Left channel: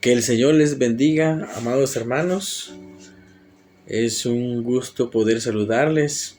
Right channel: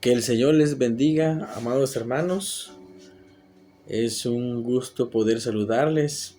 Que el Señor les bendiga, amados hermanos. Es un gusto poder saludarles.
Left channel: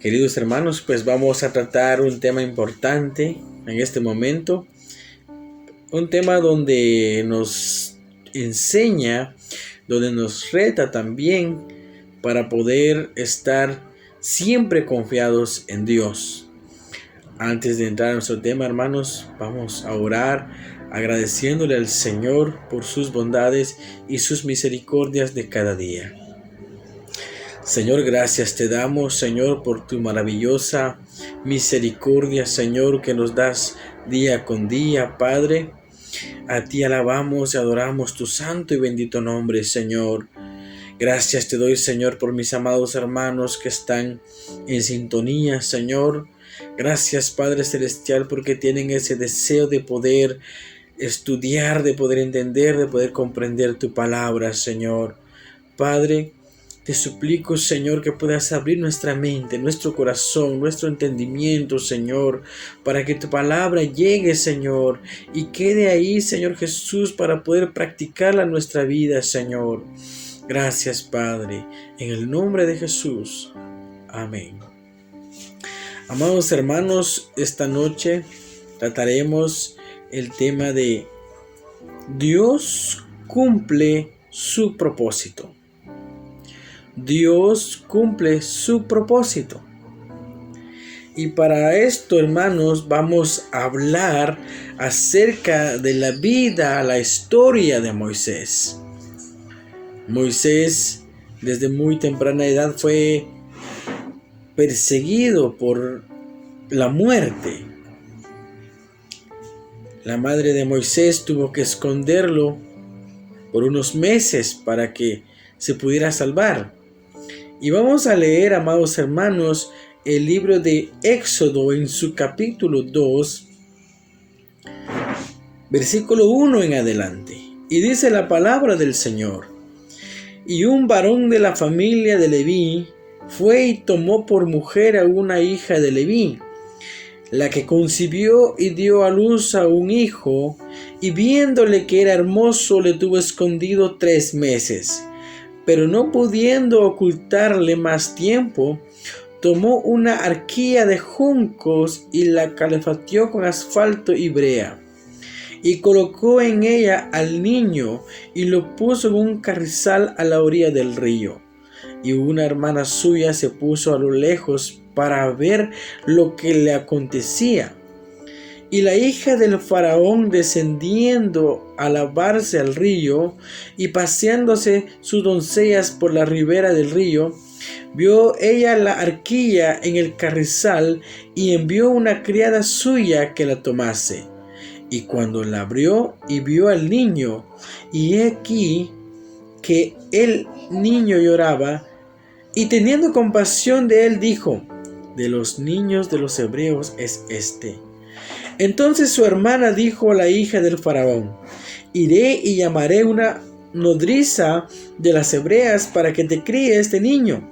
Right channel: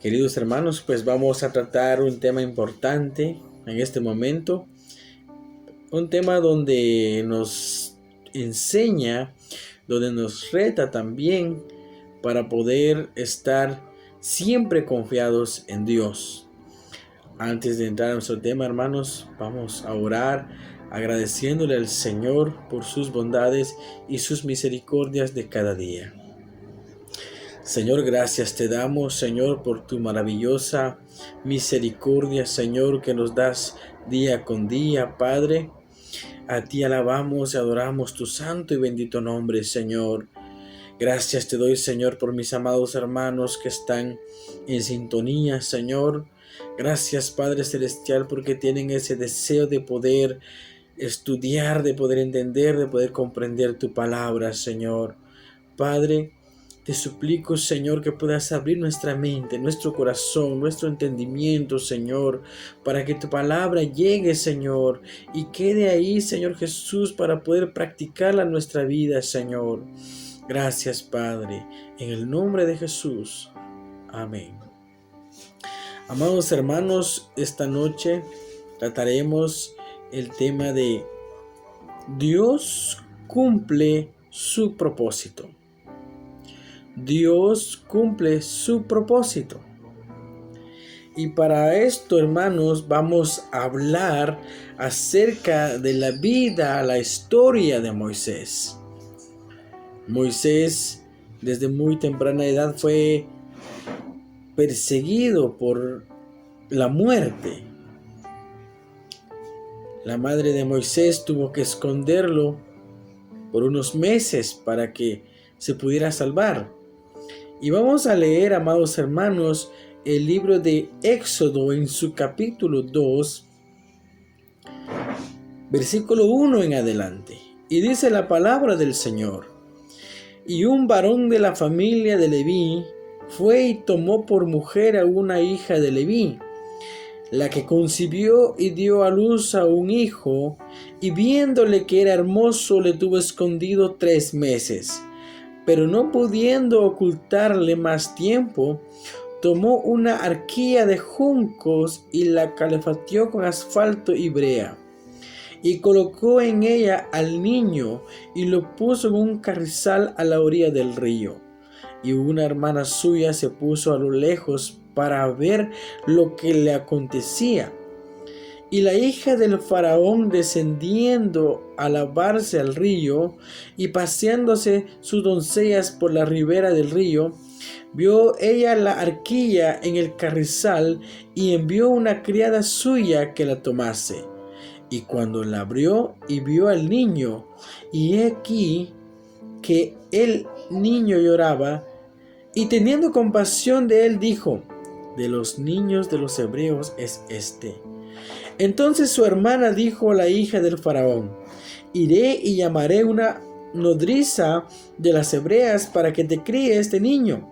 Queridos hermanos, pues vamos a tratar un tema importante en este momento. Un tema donde nos enseña, donde nos reta también para poder estar siempre confiados en Dios. Antes de entrar a nuestro tema, hermanos, vamos a orar agradeciéndole al Señor por sus bondades y sus misericordias de cada día. Señor, gracias te damos, Señor, por tu maravillosa misericordia, Señor, que nos das día con día, Padre. A ti alabamos y adoramos tu santo y bendito nombre, Señor. Gracias te doy, Señor, por mis amados hermanos que están en sintonía, Señor. Gracias, Padre Celestial, porque tienen ese deseo de poder estudiar, de poder entender, de poder comprender tu palabra, Señor. Padre, te suplico, Señor, que puedas abrir nuestra mente, nuestro corazón, nuestro entendimiento, Señor, para que tu palabra llegue, Señor, y quede ahí, Señor Jesús, para poder practicarla en nuestra vida, Señor. Gracias, Padre, en el nombre de Jesús. Amén. Amados hermanos, esta noche trataremos el tema de Dios cumple su propósito. Dios cumple su propósito. Y para esto, hermanos, vamos a hablar acerca de la vida, la historia de Moisés. Moisés, desde muy temprana edad, fue perseguido por la muerte. La madre de Moisés tuvo que esconderlo por unos meses para que se pudiera salvar. Y vamos a leer, amados hermanos, el libro de Éxodo en su capítulo 2, versículo 1 en adelante. Y dice la palabra del Señor: Y un varón de la familia de Leví fue y tomó por mujer a una hija de Leví, la que concibió y dio a luz a un hijo, y viéndole que era hermoso le tuvo escondido 3 meses. Pero no pudiendo ocultarle más tiempo, tomó una arquilla de juncos y la calefactó con asfalto y brea, y colocó en ella al niño y lo puso en un carrizal a la orilla del río. Y una hermana suya se puso a lo lejos para ver lo que le acontecía. Y la hija del faraón, descendiendo a lavarse al río y paseándose sus doncellas por la ribera del río, vio ella la arquilla en el carrizal y envió una criada suya que la tomase. Y cuando la abrió y vio al niño, y he aquí que el niño lloraba, y teniendo compasión de él dijo: de los niños de los hebreos es este. Entonces su hermana dijo a la hija del faraón: iré y llamaré una nodriza de las hebreas para que te críe este niño.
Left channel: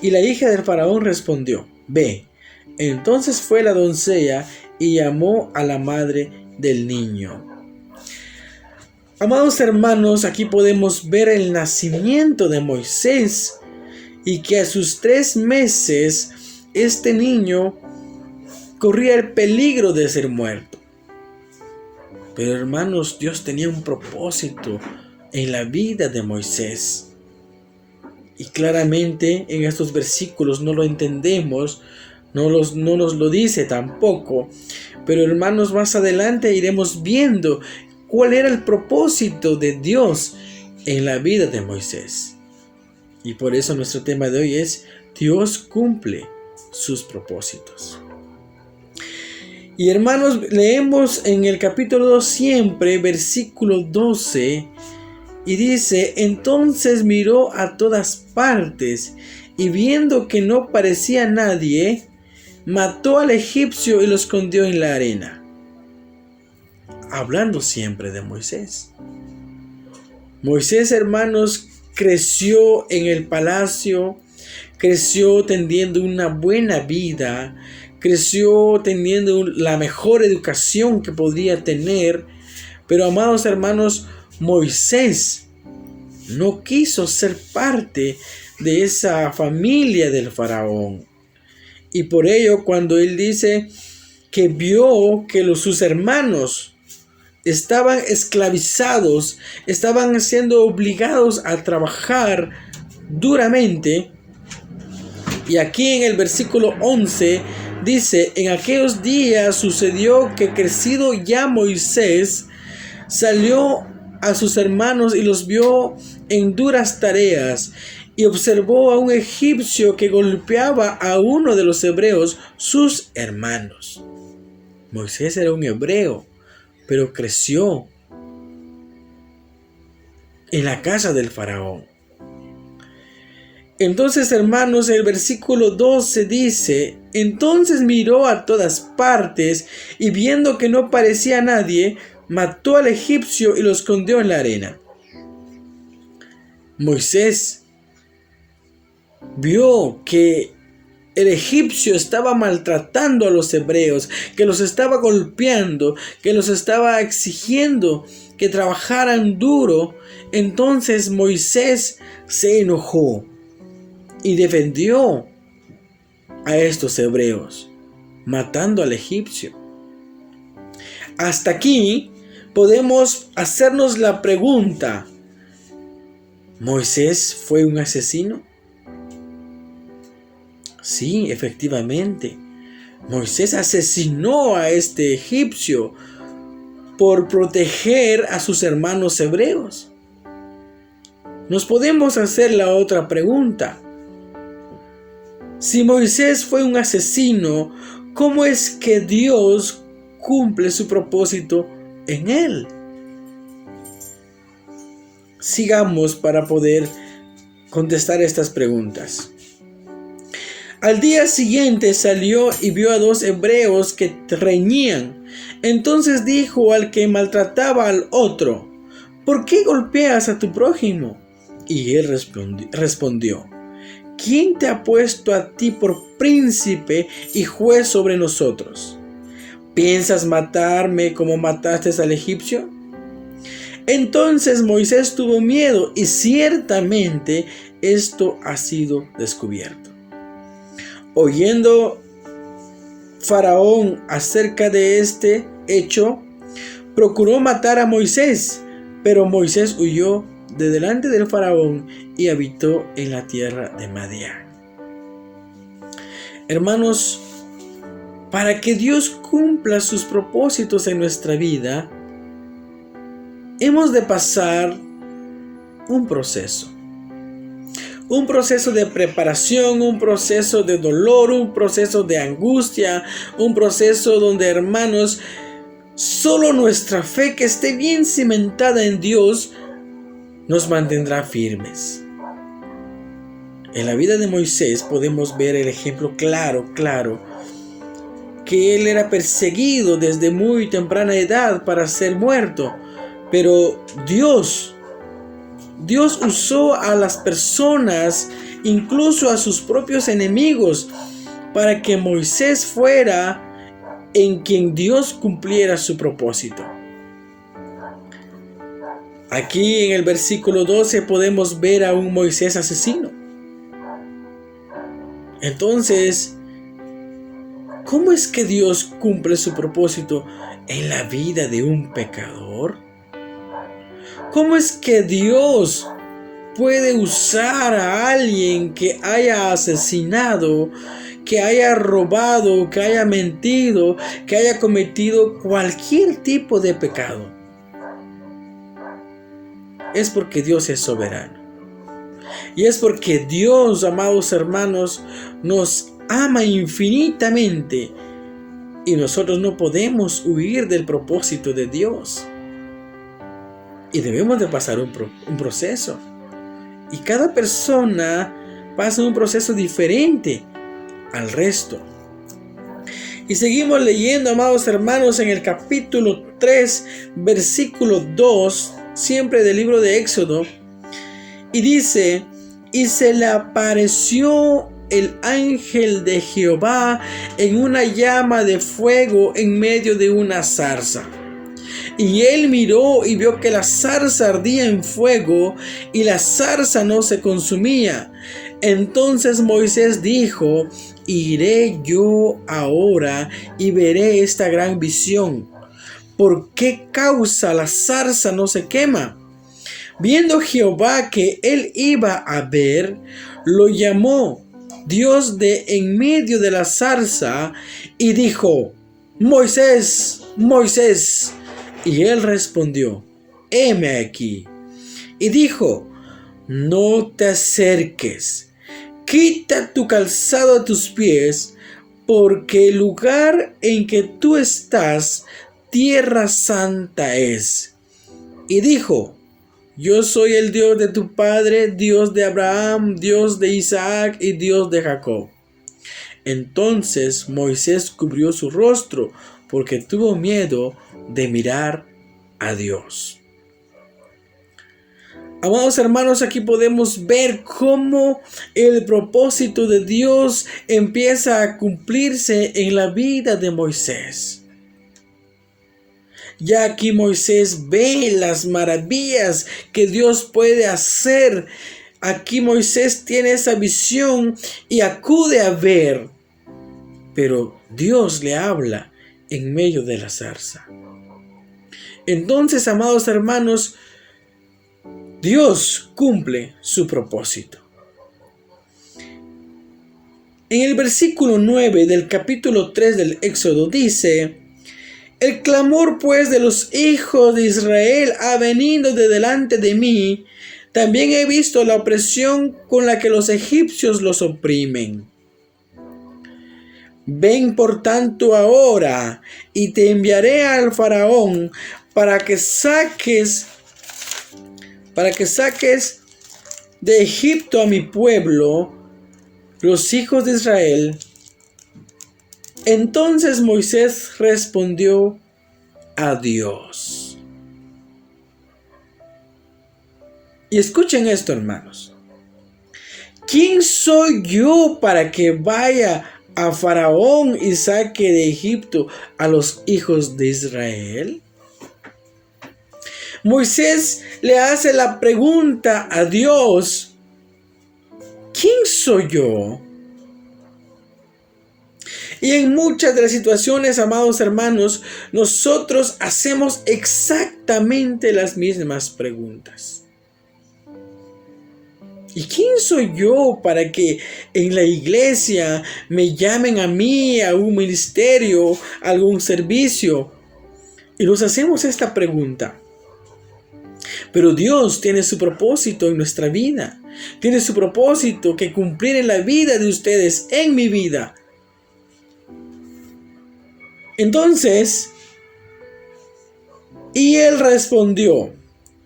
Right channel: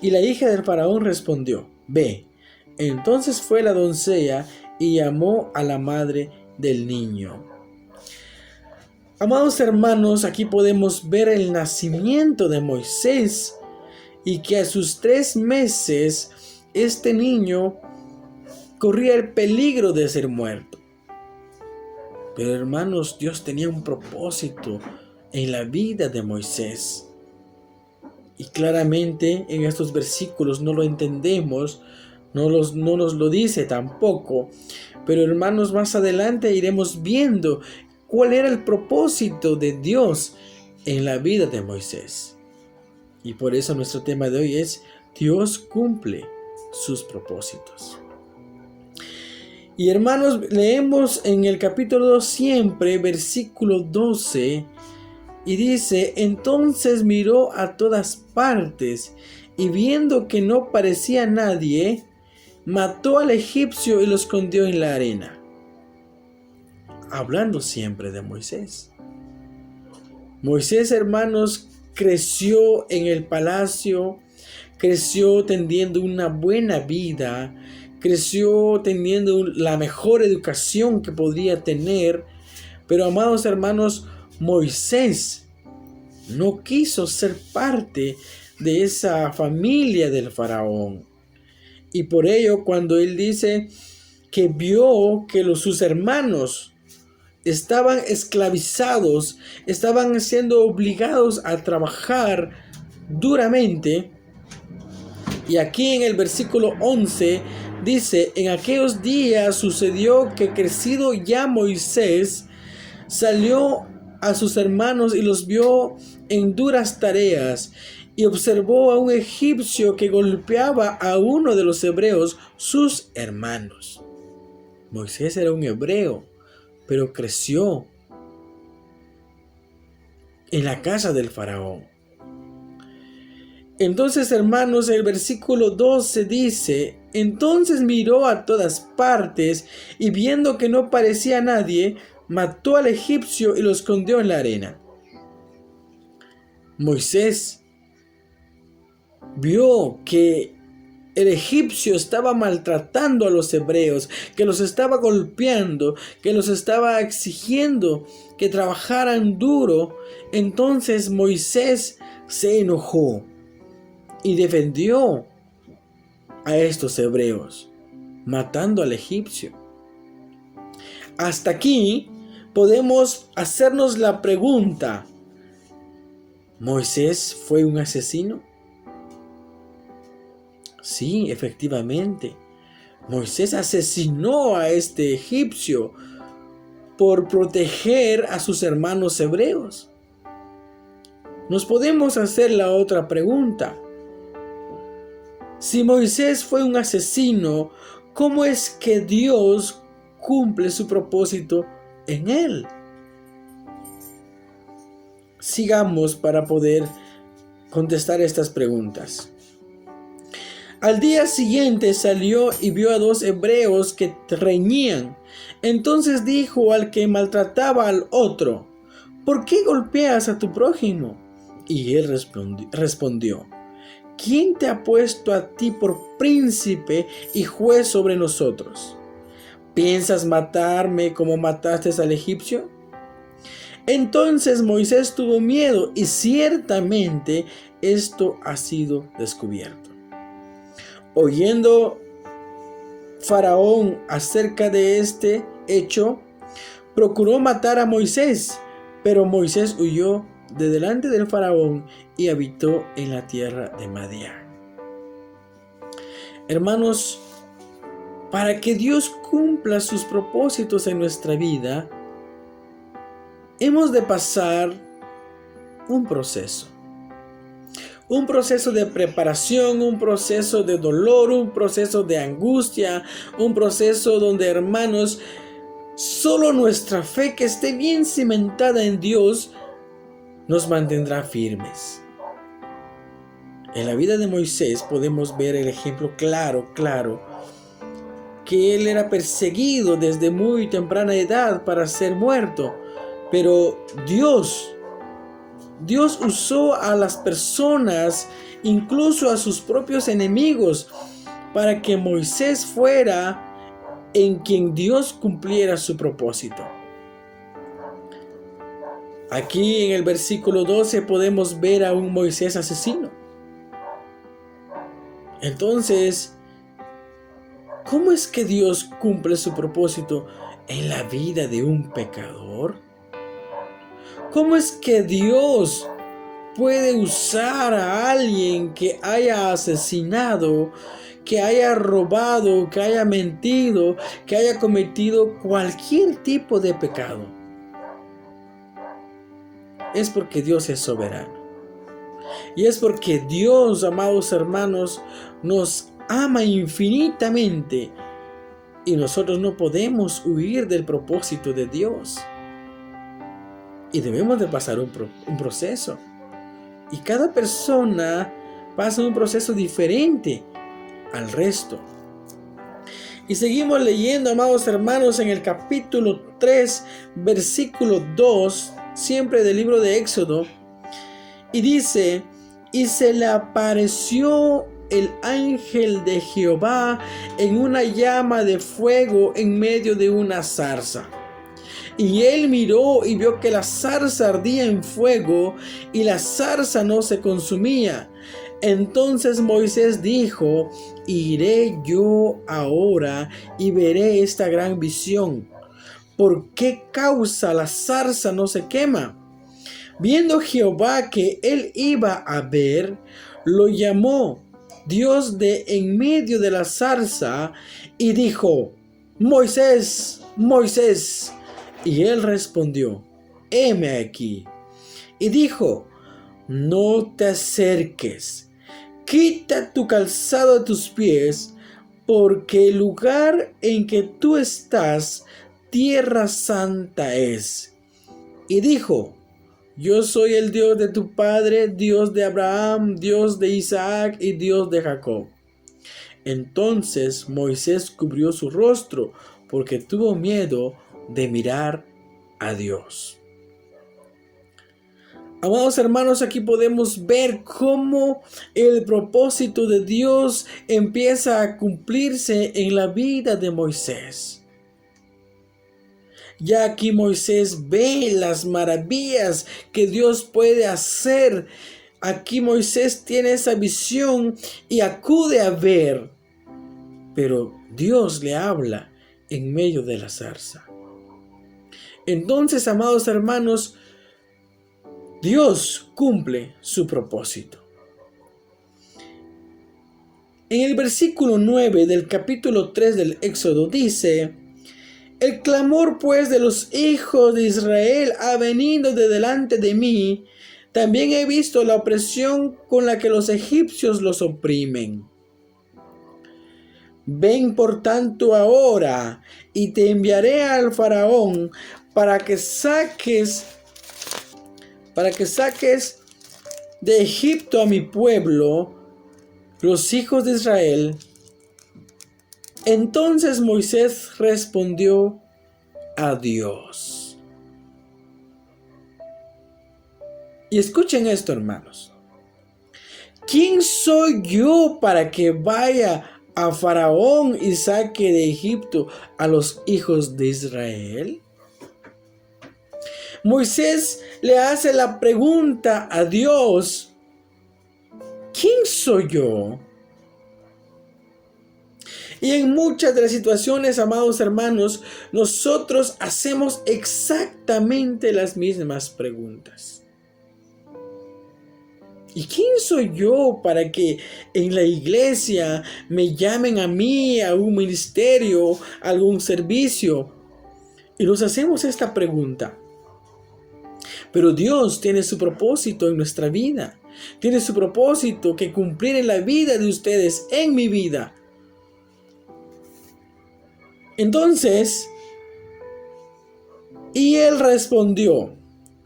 Y la hija del faraón respondió: ve. Entonces fue la doncella y llamó a la madre del niño. Amados hermanos, aquí podemos ver el nacimiento de Moisés, y que a sus 3 meses este niño corría el peligro de ser muerto. Pero hermanos, Dios tenía un propósito en la vida de Moisés. Y claramente en estos versículos no lo entendemos, no nos lo dice tampoco. Pero hermanos, más adelante iremos viendo cuál era el propósito de Dios en la vida de Moisés. Y por eso nuestro tema de hoy es: Dios cumple sus propósitos. Y hermanos, leemos en el capítulo 2 siempre, versículo 12, y dice: entonces miró a todas partes, y viendo que no parecía nadie, mató al egipcio y lo escondió en la arena. Hablando siempre de Moisés. Moisés, hermanos, creció en el palacio, creció teniendo una buena vida, creció teniendo la mejor educación que podía tener, Pero amados hermanos, Moisés no quiso ser parte de esa familia del faraón. Y por ello, cuando él dice que vio que sus hermanos estaban esclavizados, estaban siendo obligados a trabajar duramente, y aquí en el versículo 11 dice: en aquellos días sucedió que crecido ya Moisés salió a sus hermanos y los vio en duras tareas, y observó a un egipcio que golpeaba a uno de los hebreos, sus hermanos. Moisés era un hebreo, pero creció en la casa del faraón. Entonces, hermanos, el versículo 12 dice: entonces miró a todas partes y viendo que no parecía nadie, mató al egipcio y lo escondió en la arena. Moisés vio que el egipcio estaba maltratando a los hebreos, que los estaba golpeando, que los estaba exigiendo que trabajaran duro. Entonces Moisés se enojó y defendió a estos hebreos, matando al egipcio. Hasta aquí podemos hacernos la pregunta: ¿Moisés fue un asesino? Sí, efectivamente. Moisés asesinó a este egipcio por proteger a sus hermanos hebreos. Nos podemos hacer la otra pregunta: si Moisés fue un asesino, ¿cómo es que Dios cumple su propósito en él? Sigamos para poder contestar estas preguntas. Al día siguiente salió y vio a dos hebreos que reñían. Entonces dijo al que maltrataba al otro: ¿por qué golpeas a tu prójimo? Y él respondió: ¿quién te ha puesto a ti por príncipe y juez sobre nosotros? ¿Piensas matarme como mataste al egipcio? Entonces Moisés tuvo miedo, y ciertamente esto ha sido descubierto. Oyendo Faraón acerca de este hecho, procuró matar a Moisés, pero Moisés huyó de delante del Faraón y habitó en la tierra de Madián. Hermanos, para que Dios cumpla sus propósitos en nuestra vida, hemos de pasar un proceso de preparación, un proceso de dolor, un proceso de angustia, un proceso donde, hermanos, solo nuestra fe, que esté bien cimentada en Dios, nos mantendrá firmes. En la vida de Moisés podemos ver el ejemplo claro, que él era perseguido desde muy temprana edad para ser muerto, pero Dios usó a las personas, incluso a sus propios enemigos, para que Moisés fuera en quien Dios cumpliera su propósito. Aquí en el versículo 12 podemos ver a un Moisés asesino. Entonces, ¿cómo es que Dios cumple su propósito en la vida de un pecador? ¿Cómo es que Dios puede usar a alguien que haya asesinado, que haya robado, que haya mentido, que haya cometido cualquier tipo de pecado? Es porque Dios es soberano. Y es porque Dios, amados hermanos, nos ama infinitamente, y nosotros no podemos huir del propósito de Dios. Y debemos de pasar un proceso. Y cada persona pasa un proceso diferente al resto. Y seguimos leyendo, amados hermanos, en el capítulo 3, versículo 2, siempre del libro de Éxodo. Y dice: y se le apareció el ángel de Jehová en una llama de fuego en medio de una zarza. Y él miró y vio que la zarza ardía en fuego y la zarza no se consumía. Entonces Moisés dijo: iré yo ahora y veré esta gran visión. ¿Por qué causa la zarza no se quema? Viendo Jehová que él iba a ver, lo llamó Dios de en medio de la zarza y dijo: Moisés, Moisés. Y él respondió: heme aquí. Y dijo: no te acerques, quita tu calzado a tus pies, porque el lugar en que tú estás, tierra santa es. Y dijo: yo soy el Dios de tu padre, Dios de Abraham, Dios de Isaac y Dios de Jacob. Entonces Moisés cubrió su rostro, porque tuvo miedo de mirar a Dios. Amados hermanos, aquí podemos ver cómo el propósito de Dios empieza a cumplirse en la vida de Moisés. Ya aquí Moisés ve las maravillas que Dios puede hacer. Aquí Moisés tiene esa visión y acude a ver. Pero Dios le habla en medio de la zarza. Entonces, amados hermanos, Dios cumple su propósito. En el versículo 9 del capítulo 3 del Éxodo dice: el clamor pues de los hijos de Israel ha venido de delante de mí. También he visto la opresión con la que los egipcios los oprimen. Ven por tanto ahora y te enviaré al faraón para que saques de Egipto a mi pueblo, los hijos de Israel. Entonces Moisés respondió a Dios. Y escuchen esto, hermanos. ¿Quién soy yo para que vaya a Faraón y saque de Egipto a los hijos de Israel? Moisés le hace la pregunta a Dios: ¿quién soy yo? Y en muchas de las situaciones, amados hermanos, nosotros hacemos exactamente las mismas preguntas. ¿Y quién soy yo para que en la iglesia me llamen a mí, a un ministerio, a algún servicio? Y nos hacemos esta pregunta. Pero Dios tiene su propósito en nuestra vida. Tiene su propósito que cumplir en la vida de ustedes, en mi vida. Entonces, y él respondió:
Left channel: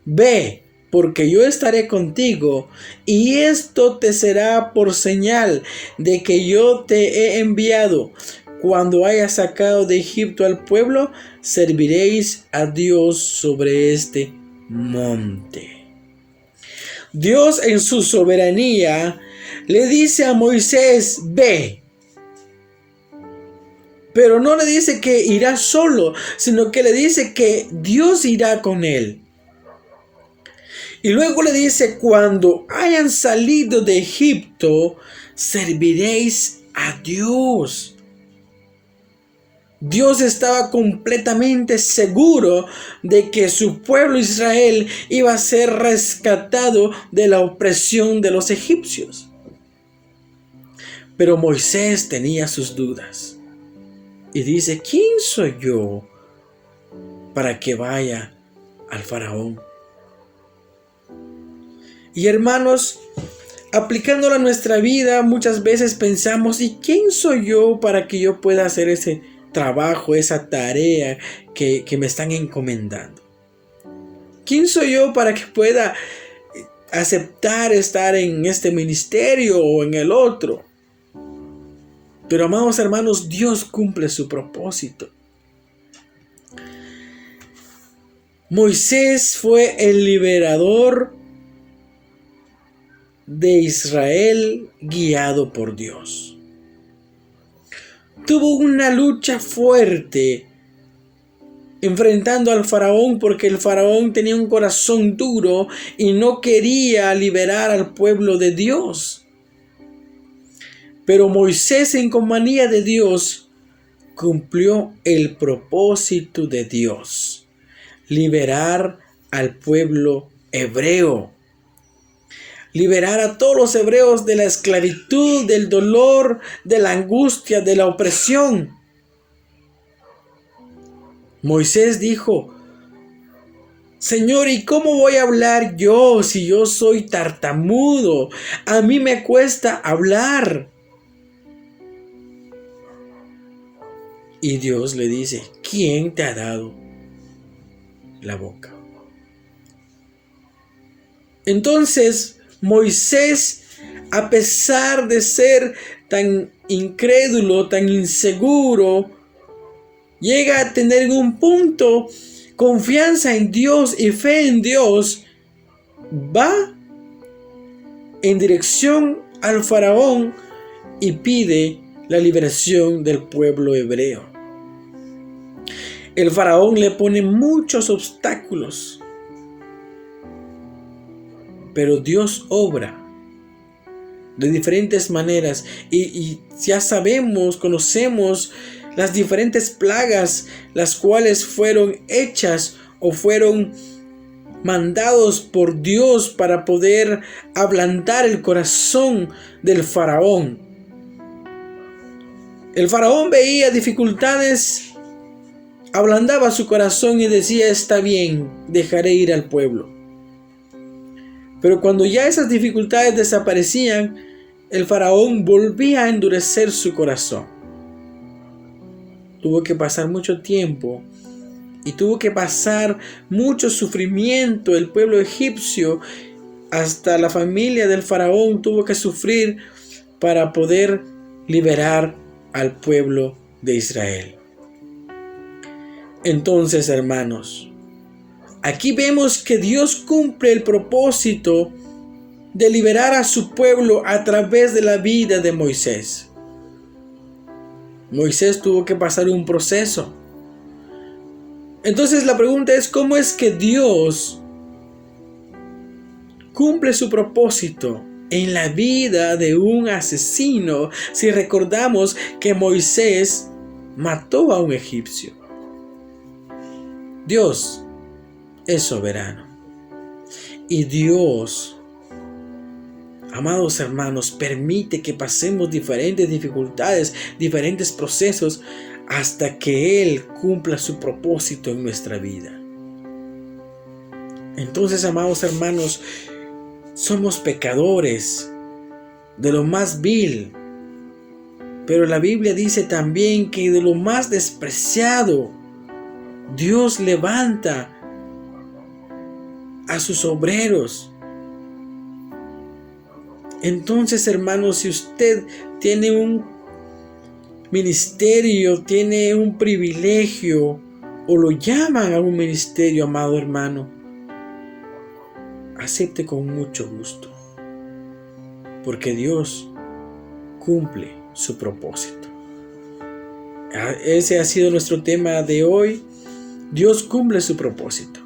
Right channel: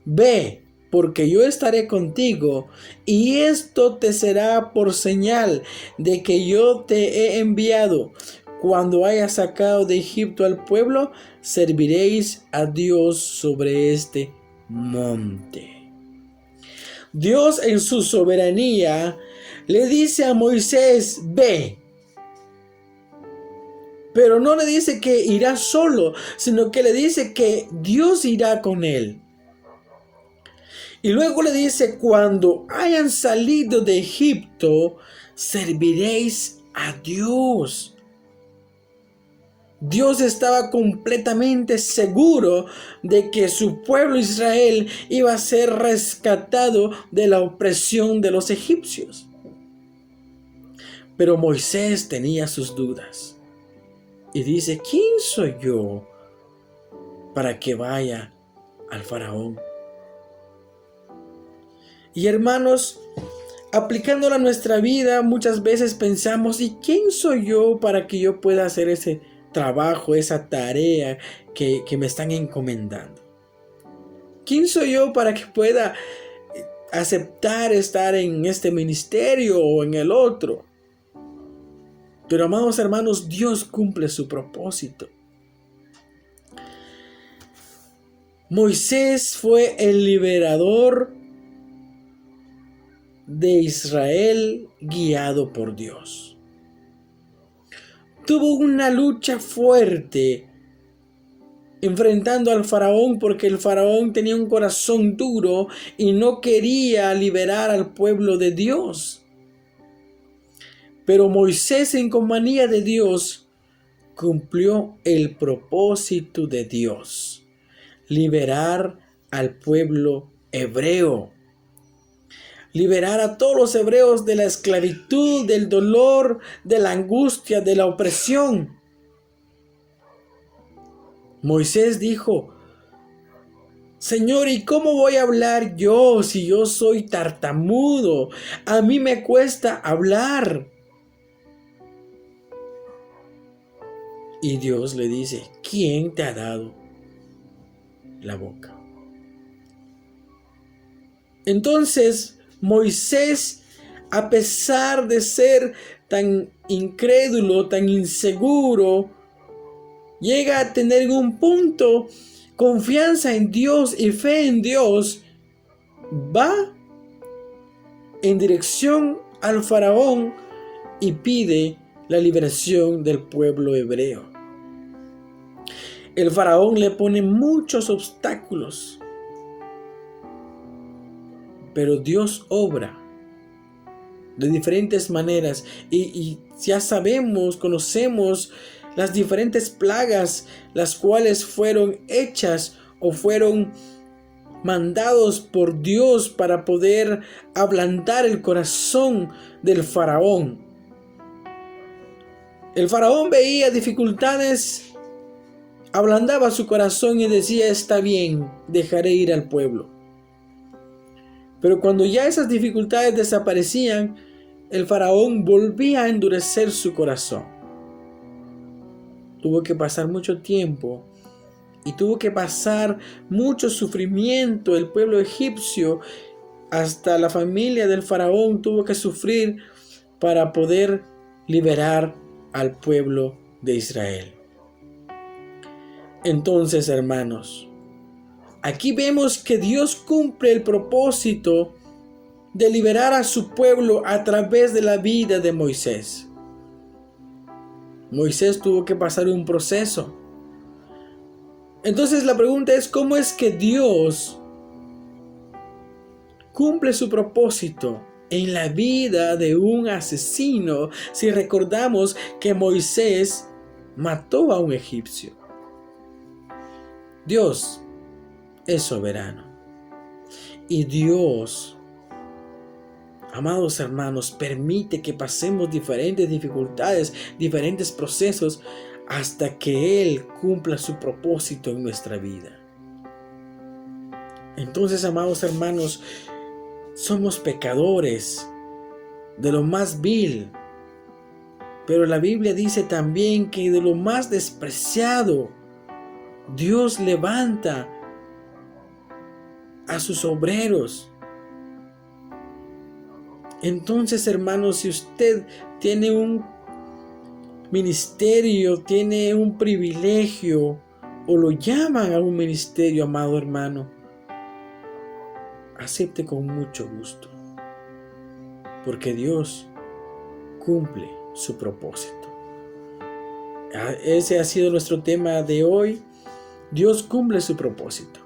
ve, porque yo estaré contigo, y esto te será por señal de que yo te he enviado. Cuando hayas sacado de Egipto al pueblo, serviréis a Dios sobre este monte. Dios en su soberanía le dice a Moisés: ve. Pero no le dice que irá solo, sino que le dice que Dios irá con él. Y luego le dice: cuando hayan salido de Egipto, serviréis a Dios. Dios estaba completamente seguro de que su pueblo Israel iba a ser rescatado de la opresión de los egipcios. Pero Moisés tenía sus dudas. Y dice: ¿quién soy yo para que vaya al faraón? Y hermanos, aplicándolo a nuestra vida, muchas veces pensamos: ¿y quién soy yo para que yo pueda hacer ese trabajo, esa tarea que me están encomendando? ¿Quién soy yo para que pueda aceptar estar en este ministerio o en el otro? Pero amados hermanos, Dios cumple su propósito. Moisés fue el liberador de Israel guiado por Dios. Tuvo una lucha fuerte enfrentando al faraón, porque el faraón tenía un corazón duro y no quería liberar al pueblo de Dios. Pero Moisés, en compañía de Dios, cumplió el propósito de Dios: liberar al pueblo hebreo. Liberar a todos los hebreos de la esclavitud, del dolor, de la angustia, de la opresión. Moisés dijo: Señor, ¿y cómo voy a hablar yo si yo soy tartamudo? A mí me cuesta hablar. Y Dios le dice: ¿quién te ha dado la boca? Entonces Moisés, a pesar de ser tan incrédulo, tan inseguro, llega a tener un punto confianza en Dios y fe en Dios. Va en dirección al faraón y pide la liberación del pueblo hebreo. El faraón le pone muchos obstáculos, pero Dios obra de diferentes maneras y ya sabemos, conocemos las diferentes plagas las cuales fueron hechas o fueron mandados por Dios para poder ablandar el corazón del faraón. El faraón veía dificultades, ablandaba su corazón y decía: está bien, dejaré ir al pueblo. Pero cuando ya esas dificultades desaparecían, el faraón volvía a endurecer su corazón. Tuvo que pasar mucho tiempo y tuvo que pasar mucho sufrimiento. El pueblo egipcio, hasta la familia del faraón, tuvo que sufrir para poder liberar al pueblo de Israel. Entonces, hermanos, aquí vemos que Dios cumple el propósito de liberar a su pueblo a través de la vida de Moisés. Moisés tuvo que pasar un proceso. Entonces la pregunta es: ¿cómo es que Dios cumple su propósito en la vida de un asesino, si recordamos que Moisés mató a un egipcio? Dios es soberano. Y Dios, amados hermanos, permite que pasemos diferentes dificultades, diferentes procesos, hasta que Él cumpla su propósito en nuestra vida. Entonces, amados hermanos, somos pecadores de lo más vil, pero la Biblia dice también que de lo más despreciado Dios levanta a sus obreros. Entonces, hermanos, si usted tiene un ministerio, tiene un privilegio, o lo llaman a un ministerio, amado hermano, acepte con mucho gusto, porque Dios cumple su propósito. Ese ha sido nuestro tema de hoy. Dios cumple su propósito.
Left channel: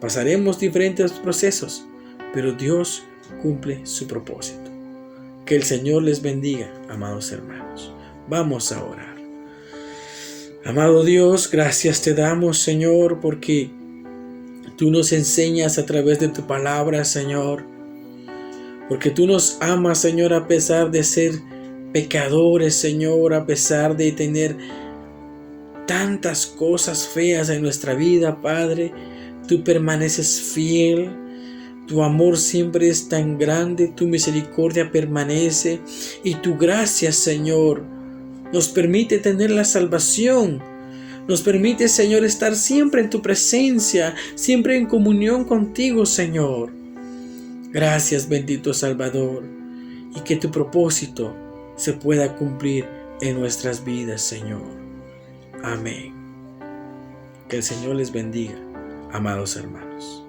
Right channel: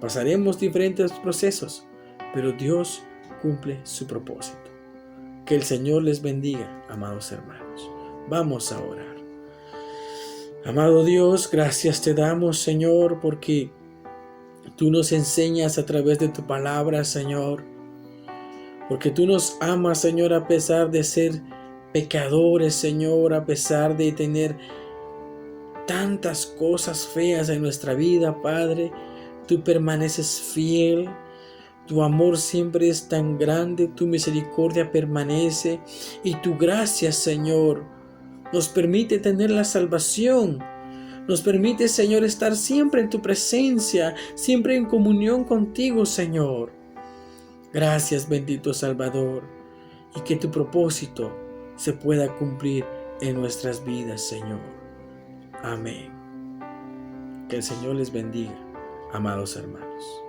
Pasaremos diferentes procesos, pero Dios cumple su propósito. Que el Señor les bendiga, amados hermanos. Vamos a orar. Amado Dios, gracias te damos, Señor, porque tú nos enseñas a través de tu palabra, Señor. Porque tú nos amas, Señor, a pesar de ser pecadores, Señor, a pesar de tener tantas cosas feas en nuestra vida, Padre. Tú permaneces fiel. Tu amor siempre es tan grande, tu misericordia permanece y tu gracia, Señor, nos permite tener la salvación. Nos permite, Señor, estar siempre en tu presencia, siempre en comunión contigo, Señor. Gracias, bendito Salvador, y que tu propósito se pueda cumplir en nuestras vidas, Señor. Amén. Que el Señor les bendiga, amados hermanos.